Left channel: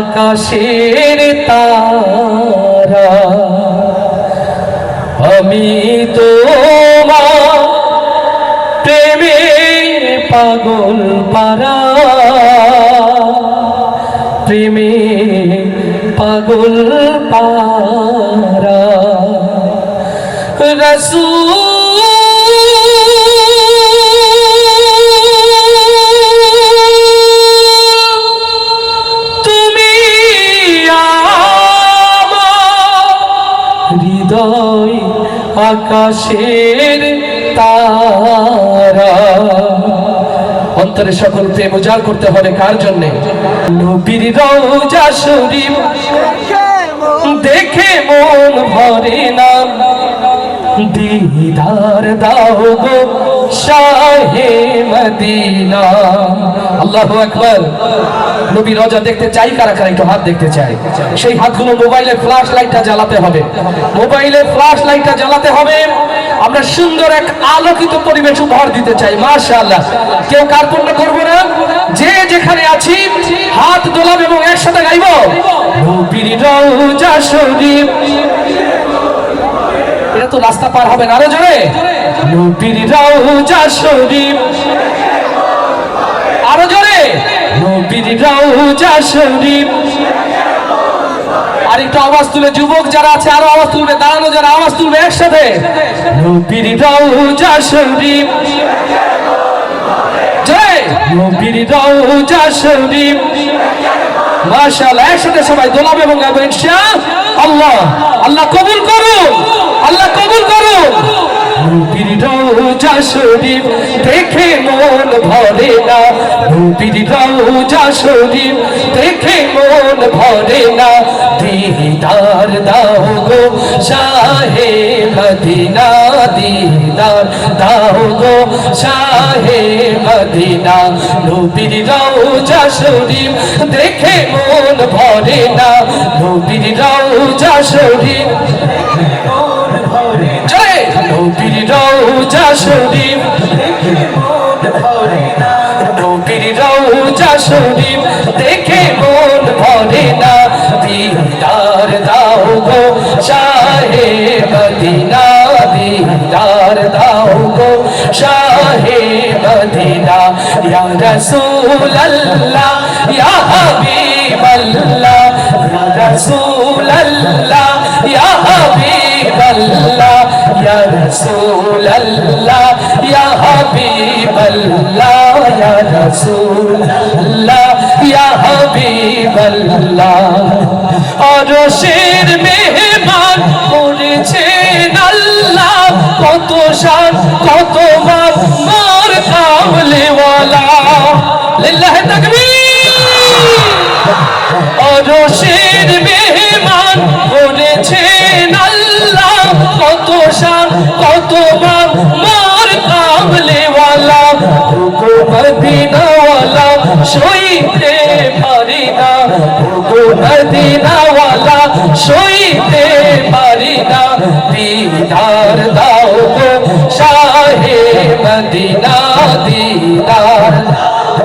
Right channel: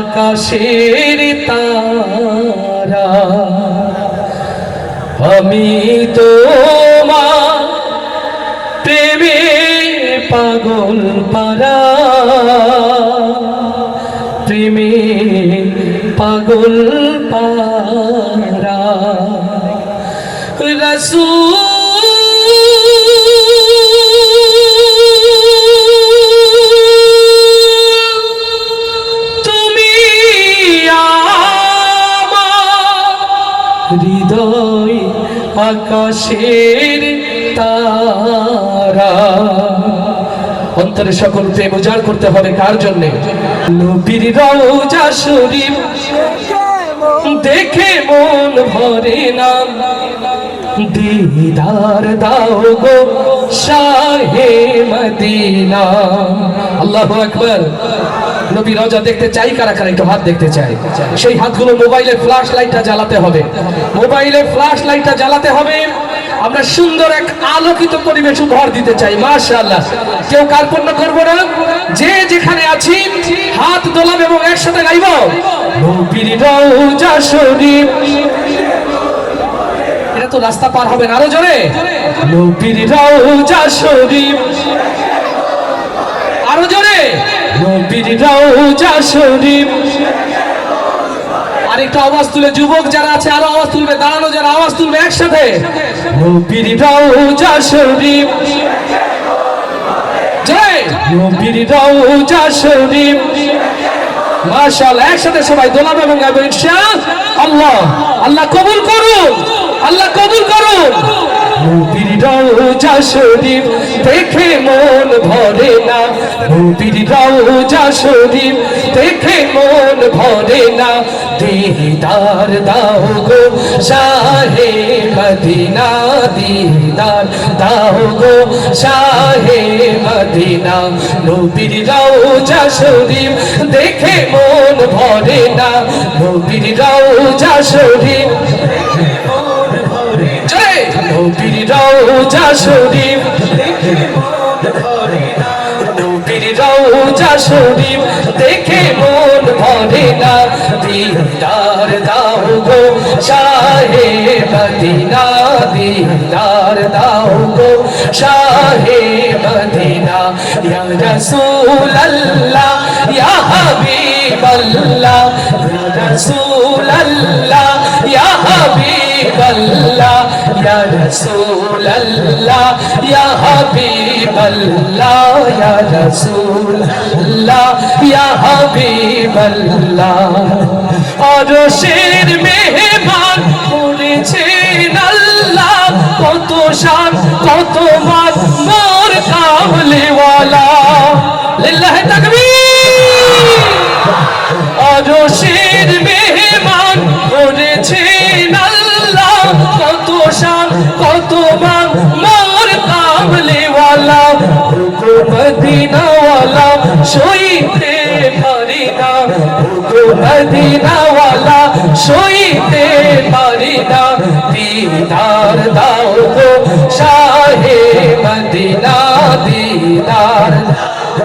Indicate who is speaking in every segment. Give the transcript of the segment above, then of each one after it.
Speaker 1: আকাশের তারা। আমি তোমার প্রেমে পাগল পারা। প্রেমে পাগল পারা। রসূল হৃদয় আকাশের তারা। অন্তরে সকল প্রেম উজাড় করতে হবে কার জন্য? নবীর রওজা শরীফ। দেখে মন ভরে না। দিদার দাও গো। শাহে মদিনা। আল্লাহু আকবার। নবী রোজা দেখতে চাই, কারা কারা একটু হাত দেখতে চাই। সেই হাতগুলো মোবাইলের ফ্ল্যাশ লাইটটা জ্বালাতে হবে। মোবাইলের ফ্ল্যাশ লাইটটা জ্বালাতে হবে। আমরা সুন্দর এক আলোকিত পরিবেশ উপহার দিতে চাই, মাশাআল্লাহ। কেউ কার কার্পণ্য করব না। যে যেখানে আছি, হাত দোলাব এবং একসাথে গাইব। নবীর রওজা শরীফ। তো রাস্তা পার হবে না জোরে। আরও জোরে। আরেকটা আওয়াজ যুবক যারা আছে, আরও আওয়াজ তুলবে, দাঁড়ানো যারা, আওয়াজ তুলবে একসাথে। একসাথে সবাই দোলাবে এবং ইনশাআল্লাহ। আল্লাহ কবুল করুন আল্লাহ কবুল করুন। দেখে মন ভরে না। নবীর রওজা শরীফ দেখে মন ভরে না। দিদার দাও গো শাহে মদিনা, দিদার দাও গো শাহে মদিনা। নবীর রওজা শরীফ দেখে মন ভরে না। নবীর রওজা জয় নবীর রওজা শরীফ নবীর রওজা শরীফ দেখে মন ভরে না। দিদার দাও গো, শাহে মদিনা। দিদার দাও গো, শাহে মদিনা। ইয়া রাসূল আল্লাহ ইয়া হাবিব আল্লাহ ইয়া রাসূল আল্লাহ ইয়া হাবিব আল্লাহ ইয়া রাসূল আল্লাহ ইয়া হাবিব আল্লাহ ইয়া রাসূল আল্লাহ ইয়া হাবিব আল্লাহ অরশের মেহমান করেছেন আল্লাহ, কত শান কত মান মদিনাওয়ালা শুইতে পারি না। দিদার দাও গো শাহে মদিনা দিদার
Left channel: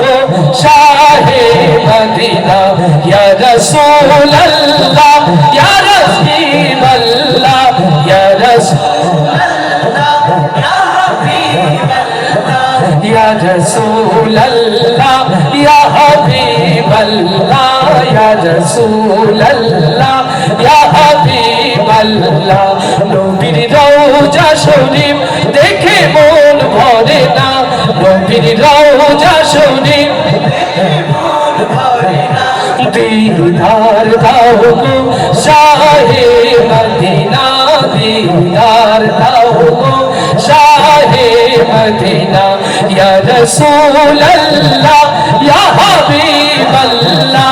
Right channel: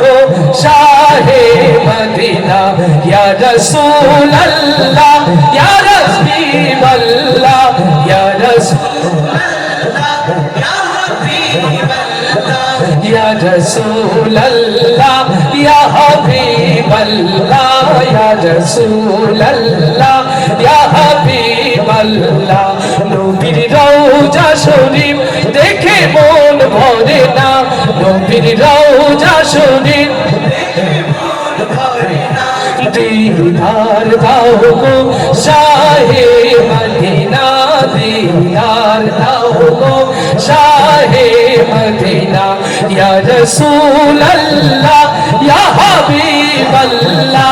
Speaker 1: গো শাহে মদিনা। ইয়া রাসূল আল্লাহ ইয়া রাসূল আল্লাহ ইয়া রাসূল Ya Rasul Allah, Ya Habib Allah يا رسول الله يا حبيب الله নবীর রওজা শরীফ দেখে মন ভরে না নবীর রওজা শরীফ দিদার দাও গো শাহে মদিনা দিদার দাও গো শাহে মদিনা ইয়া রাসূল আল্লাহ ইয়া হাবিব আল্লাহ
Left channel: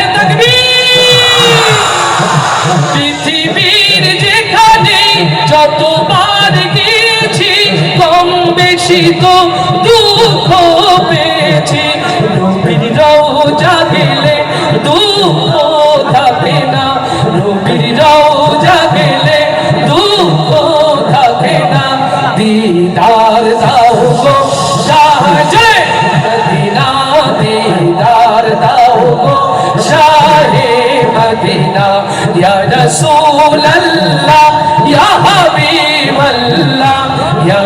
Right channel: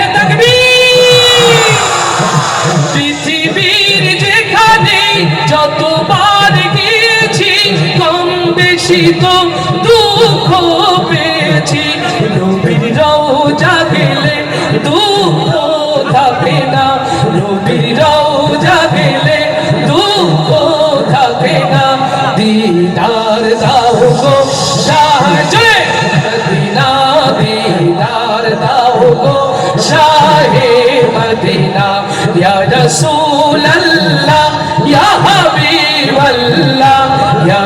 Speaker 1: বেশি তো দুঃখ পেয়েছি। নবীর রওজা গেলে দুঃখ থাকে না। নবীর রওজা গেলে দুঃখ থাকে না। দিদার দাও গো শাহজে মদিনা, দিদার দাও গো শাহে মদিনা। ইয়া রাসূল আল্লাহ ইয়া হাবিব আল্লাহ ইয়া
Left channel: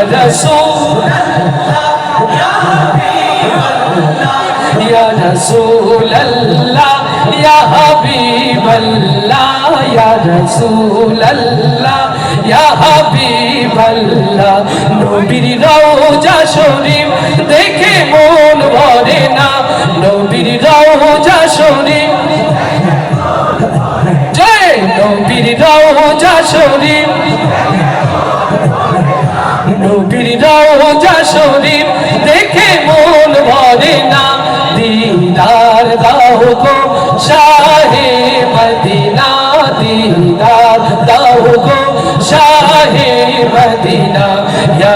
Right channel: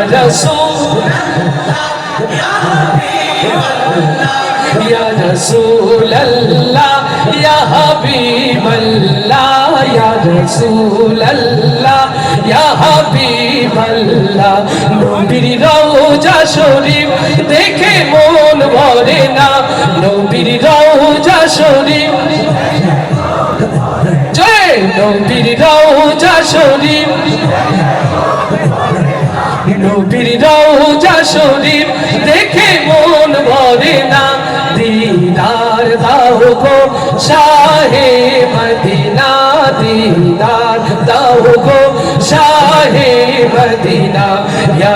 Speaker 1: يا رسول الله يا حبيب الله يا رسول الله يا حبيب الله নবীর রওজা শরীফ দেখে মন ভরে না নবীর রওজা শরীফ জয় নবীর রওজা শরীফ নবীর রওজা শরীফ দেখে মন ভরে না। দিদার দাও গো শাহে মদিনা দিদার দাও গো শাহে মদিনা। ইয়া